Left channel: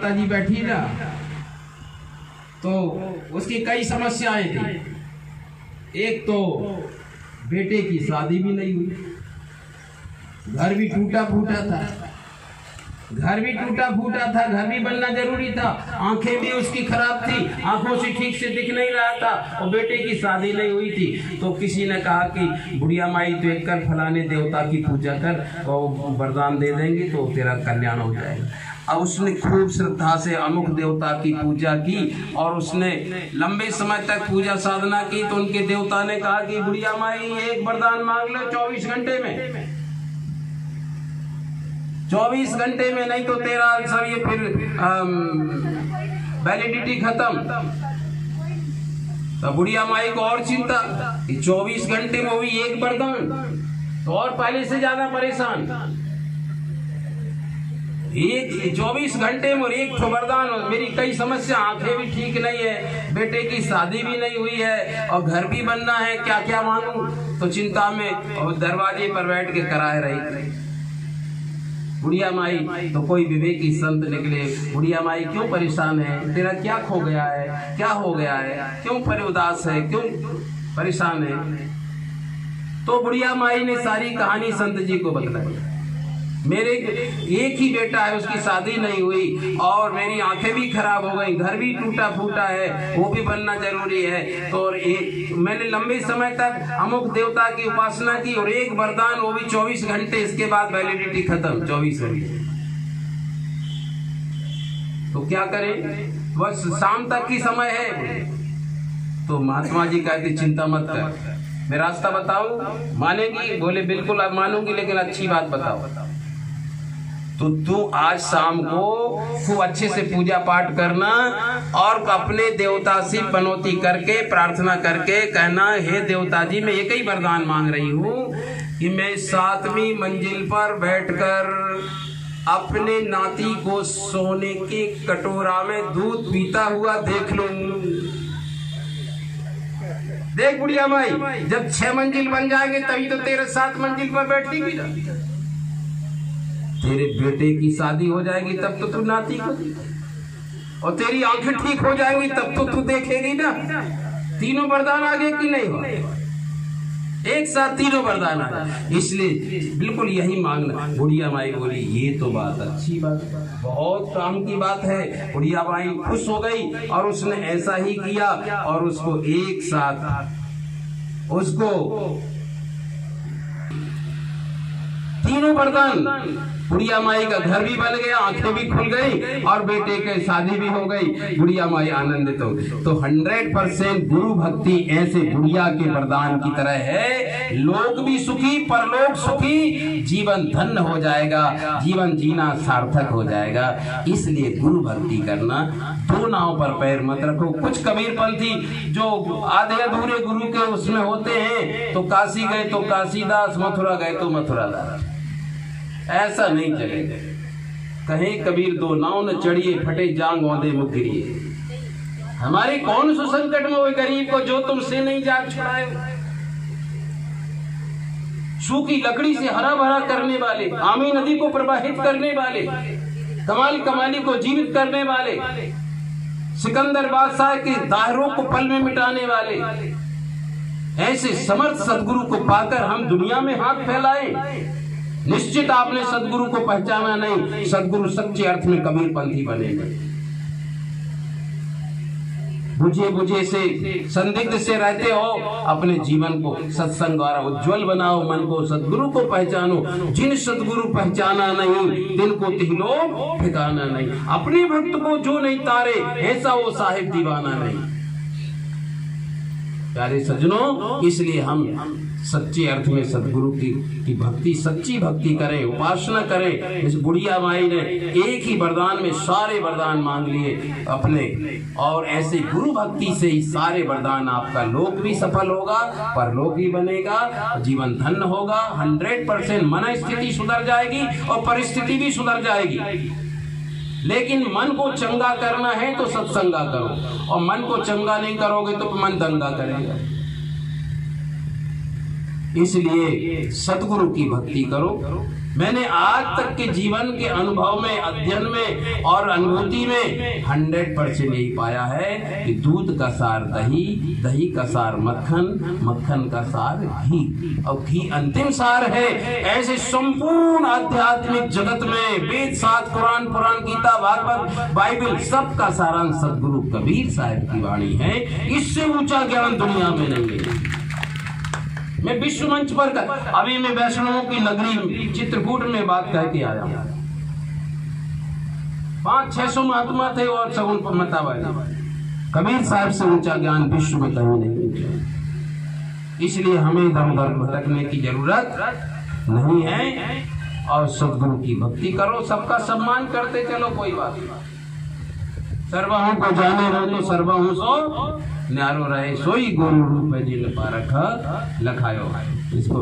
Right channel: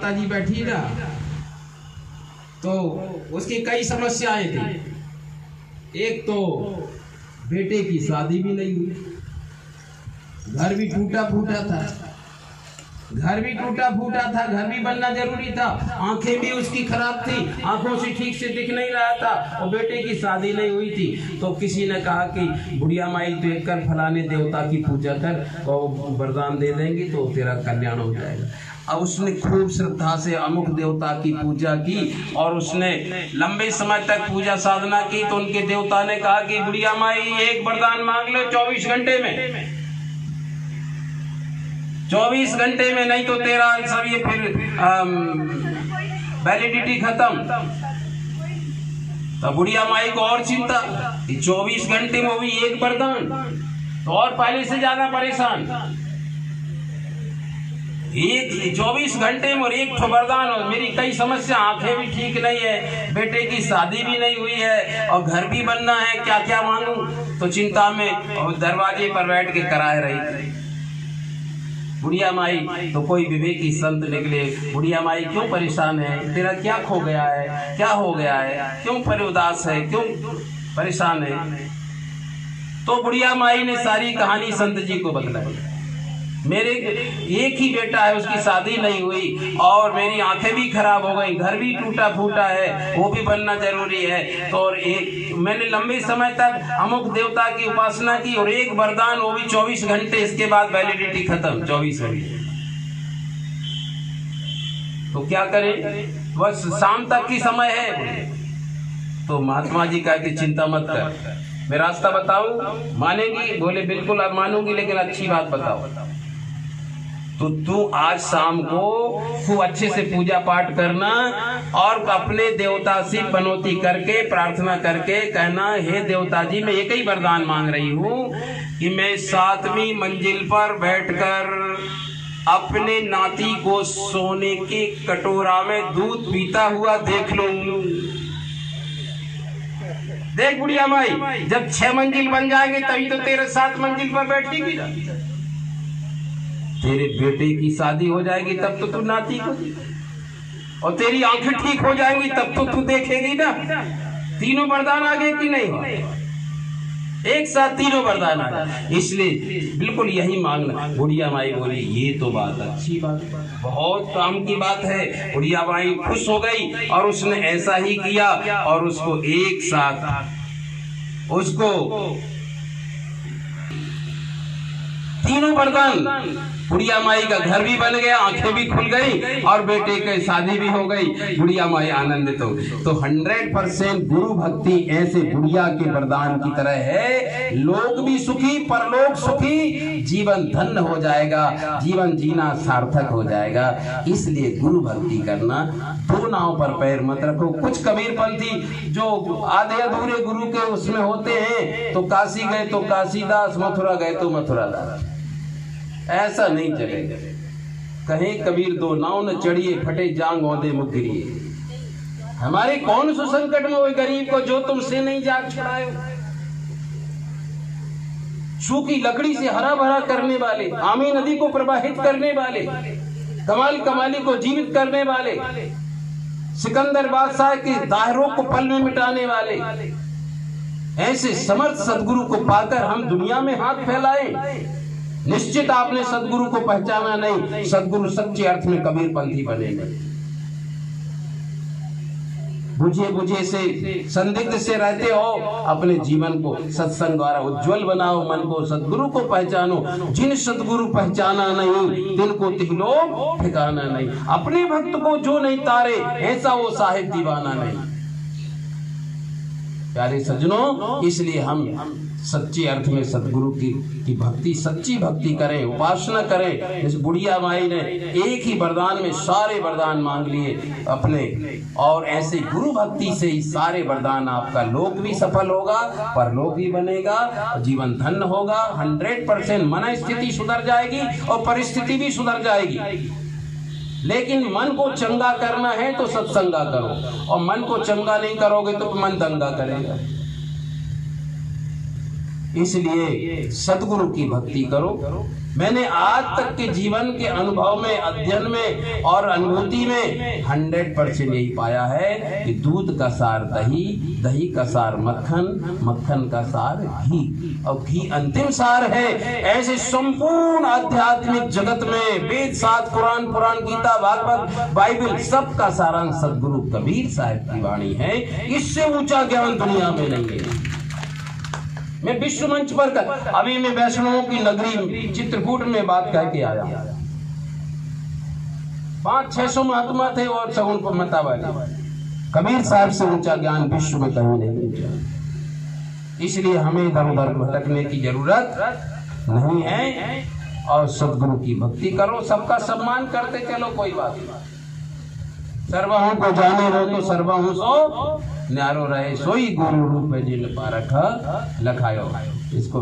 माता जी बैठी ना, तो उसकी कई समस्याएं थी। एक तो बेटे की शादी भी नहीं हुई, घर भी टूटा फूटा था, घर भी बनना जरूरी था। आंखें भी उसकी खराब थी, आंखों से ठीक से दिख नहीं रहा था, और बेटे की शादी नहीं हुई थी। तो किसी ने कहा कि बुढ़िया माई तो एक कर, फलाने देवता की पूजा कर, और वरदान दे देंगी तो तेरा कल्याण हो जाएगा। अब उसने खूब श्रद्धा से अमुक देवता की पूजा की, और उसने लंबे समय तक पूजा साधना की। तो उनके देवता ने कहा कि बुढ़िया माई एक वरदान मांग लो 24 घंटे में, 24 घंटे में, नहीं तो तेरा सब ये फिर वैलिडिटी खत्म। तो बुढ़िया माई को और चिंता कि 24 घंटे में हुई एक वरदान, तो और पहले से ज्यादा परेशान। एक 24 घंटे में और एक वरदान, और मेरी कई समस्या, आंखें भी ठीक नहीं है, बेटे की शादी भी नहीं हुई है, और घर भी बनना है, क्या क्या मांगू। तो चिंता में और दरवाजे पर बैठ के कराए रही बुढ़िया माई। तो कोई विवेकी संत निकले, बुढ़िया माई क्यों परेशान है, तेरा क्या खो गया है, क्या हो गया है, क्यों पर उदास है, क्यों परेशान है। तो बुढ़िया माई ने सारी कहानी संत जी को बतलाई। मेरे एक ही बेटा है, उसकी शादी नहीं हुई, और मेरी आंखें भी खराब हो गई, घर भी टूटा फूटा है, वो भी बनना जरूरी है। तो और एक मैंने लंबे समय तक अमुक देवता की उपासना की, और एक वरदान, वो भी 24 घंटे, इसके बाद वैलिडिटी खत्म 24 घंटे। तो क्या करें, बस शाम तक की समय है। तो महात्मा जी कहा कि चिंता मत कर, मैं रास्ता बताऊं, मानेगी? बोले बिल्कुल अब मानूंगी, लेकिन अच्छी बात बताओ। तो तू आज शाम को खूब अच्छे से पूजा पाठ करना, और अपने देवता से पनौती करके, प्रार्थना करके कहना, हे देवता जी मैं एक ही वरदान मांग रही हूँ कि मैं 7वीं मंजिल पर बैठकर अपने नाती को सोने के कटोरा में दूध पीता हुआ देख लूं। देख बुढ़िया माई, जब 6 मंजिल बन जाएंगे तभी तो तेरे 7 मंजिल पर बैठेगी ना। तेरे बेटे की शादी हो जाएगी तब तो तू नाती को, और तेरी आंखें ठीक हो जाएंगी तब तो तू देखेगी ना। तीनों वरदान आ गए कि नहीं, एक साथ तीनों वरदान आ गए। इसलिए बिल्कुल यही मांगना। बुढ़िया माई बोली ये तो बात अच्छी बात, बहुत काम की बात है। बुढ़िया माई खुश हो गई, और उसने ऐसा ही किया, और उसको एक साथ उसको तीनों वरदान, बुढ़िया माई का घर भी बन गया, आंखें भी खुल गई, और बेटे की शादी भी हो गई। बुढ़िया माई आनंदित हो गई। तो 100% गुरु भक्ति ऐसे बुढ़िया के वरदान की तरह है। लोग भी सुखी, परलोक सुखी, जीवन धन्य हो जाएगा, जीवन जीना सार्थक हो जाएगा। इसलिए गुरु भक्ति करना, 2 नाव पर पैर मत रखो। कुछ कबीरपंथी जो आधे अधूरे गुरु के उसमें होते हैं, तो काशी गए तो काशीदास, मथुरा गए तो मथुरादास। ऐसा नहीं चलेगा। कहे कबीर 2 नाव न चढ़िए, फटे जांग औंधे मुख गिरिए। हमारे कौन सो संकट में वो गरीब को जो तुमसे नहीं जाग छुड़ाए। सूखी लकड़ी से हरा भरा करने वाले, आमी नदी को प्रवाहित करने वाले, कमाल कमाली को जीवित करने वाले, सिकंदर बादशाह के दायरों को पल में मिटाने वाले, ऐसे समर्थ सदगुरु को पाकर हम दुनिया में हाथ फैलाएं। निश्चित आपने सदगुरु को पहचाना नहीं, सदगुरु सच्चे अर्थ में कबीरपंथी बनेगा। बुझे बुझे से, संदिग्ध से रहते हो, अपने जीवन को सत्संग द्वारा उज्जवल बनाओ, मन को सदगुरु को पहचानो। जिन सदगुरु पहचाना नहीं, तिनको तिहलोक ठिकाना नहीं। अपने भक्त को जो नहीं तारे, ऐसा वो साहिब दीवाना नहीं। प्यारे सज्जनों, इसलिए हम सच्चे अर्थ में सदगुरु की भक्ति, सच्ची भक्ति करें, उपासना करें। इस बुढ़िया माई ने एक ही वरदान में सारे वरदान मांग लिए अपने, और ऐसे गुरु भक्ति से ही सारे वरदान, आपका लोक भी सफल होगा, परलोक भी बनेगा, जीवन धन्य होगा। 100% मन स्थिति सुधर जाएगी और परिस्थिति भी सुधर जाएगी। लेकिन मन को चंगा करना है तो सत्संगा करो, और मन को चंगा नहीं करोगे तो मन दंगा करेगा। इसलिए सदगुरु की भक्ति करो, मैंने आज तक के जीवन के अनुभव में, अध्ययन में और अनुभूति में 100% यही पाया है कि दूध का सार दही, दही का सार मक्खन, मक्खन का सार घी और घी अंतिम सार है। ऐसे संपूर्ण आध्यात्मिक जगत में वेद, शास्त्र, कुरान, पुराण, गीता, भागवत, बाइबल सबका सारांश सदगुरु कबीर साहब की वाणी है। इससे ऊंचा ज्ञान दुनिया में नहीं है। मैं विश्व मंच पर अभी मैं वैष्णवों की नगरी चित्रकूट में बात करके आया। 500-600 महात्मा थे और सगुन पर मतावादी। कबीर साहब से ऊंचा ज्ञान विश्व में कहीं नहीं। इसलिए हमें इधर उधर भटकने की जरूरत नहीं है और सदगुरु की भक्ति करो, सबका सम्मान करते चलो, कोई बात नहीं। सर्वहु को जाने रहो तो सर्वहु सो न्यारो रहे, सोई गुरु रूप जिन पारख लखायो। इसको